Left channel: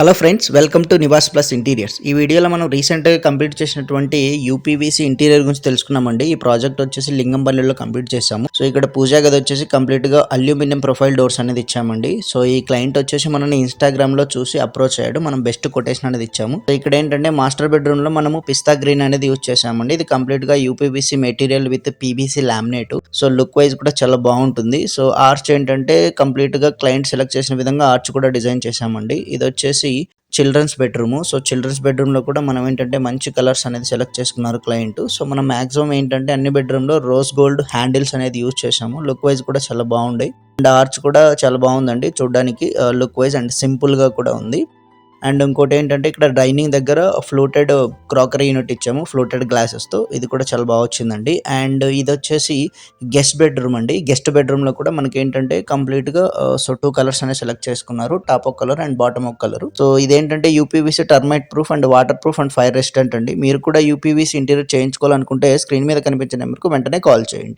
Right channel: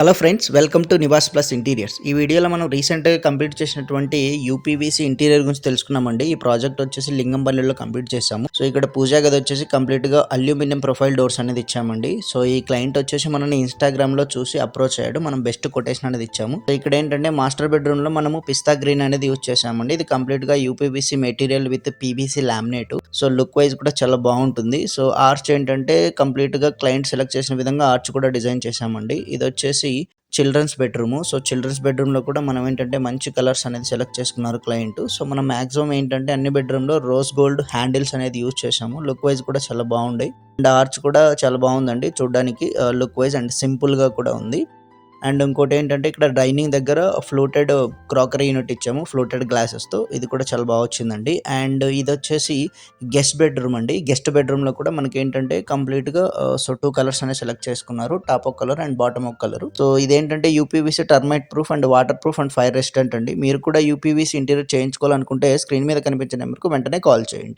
Hello friends, welcome to Nivas plus interiors. ఈ వీడియోలో మనం రీసెంట్గా కంప్లీట్ చేసినటువంటి యూపీవీసీ ఇంటీరియర్ గురించి తెలుసుకున్నామండి. ఈ ప్రాజెక్ట్ వచ్చేసి లింగంపల్లిలో కంప్లీట్ చేసాము. సో ఇక్కడ పూజా గది వచ్చేసి కంప్లీట్గా అల్యూమినియం ప్రొఫైల్ డోర్స్ అనేది ఇచ్చామండి. సో ఈ క్లయింట్ వచ్చేసి మనల్ని ఇన్స్టాగ్రామ్ లో చూసి అప్రోచ్ అయ్యాడు. మనం బెస్ట్ కొటేషన్ అనేది ఇచ్చాము. సో ఇక్కడ ఏంటంటే మాస్టర్ బెడ్రూమ్ లో మనము పిస్తా గ్రీన్ అనేది యూజ్ చేసామండి. ఇది కంప్లీట్ గా UPVC material with PVC laminate. So look wise కూడా చాలా బాగుంటుంది. సో ఆర్చ్ ఏంటంటే కంప్లీట్ గా క్లయింట్ సెలెక్ట్ చేసిన విధంగా ఆర్చ్ కూడా డిజైన్ చేసామండి. ఇది వచ్చేసి childrens bedroom. So childrens bedroom లో కూడా మనం ఏంటంటే మంచి కలర్స్ అనేది సెలెక్ట్ చేసుకున్నారు క్లయింట్. సో మనం మాక్సిమం ఏంటంటే అన్ని బెడ్రూమ్ లో రోజ్ గోల్డ్ హ్యాండిల్స్ అనేది యూజ్ చేసాము. లుక్ వైజ్ కూడా చాలా బాగుంది. అండ్ ఆర్చ్ కూడా చాలా బాగుందండి చూడడానికి, లుక్ వైజ్ అండ్ సింపుల్ గా కూడా ఉంది. అండ్ ఇంకోటి ఏంటంటే ఇక్కడ డైనింగ్ దగ్గర ఫ్లోటెడ్ క్రాకరీ యూనిట్ ఇచ్చాము ఫ్లోటెడ్ గ్లాసెస్తో. ఇది కూడా చాలా బాగా వచ్చిందండి. అండ్ ఇది వచ్చేసి గెస్ట్ బెడ్రూమ్ అండి. గెస్ట్ బెడ్రూమ్లో కూడా మనకి ఏంటంటే కంప్లీట్గా సో 2 కలర్స్ అనేవి సెలెక్ట్ చేసుకున్నారు, టాప్ ఒక కలర్ అండ్ బాటమ్ ఒక కలర్. సో ఇదేంటంటే UPVC termite proof and water proof and fire resistant అండి. మీరు కూడా యూపీవీసీ ఇంటీరియర్ చేయించుకోవాలనుకుంటే స్క్రీన్ మీద కనిపించే నెంబర్కు వెంటనే కాల్ చేయండి.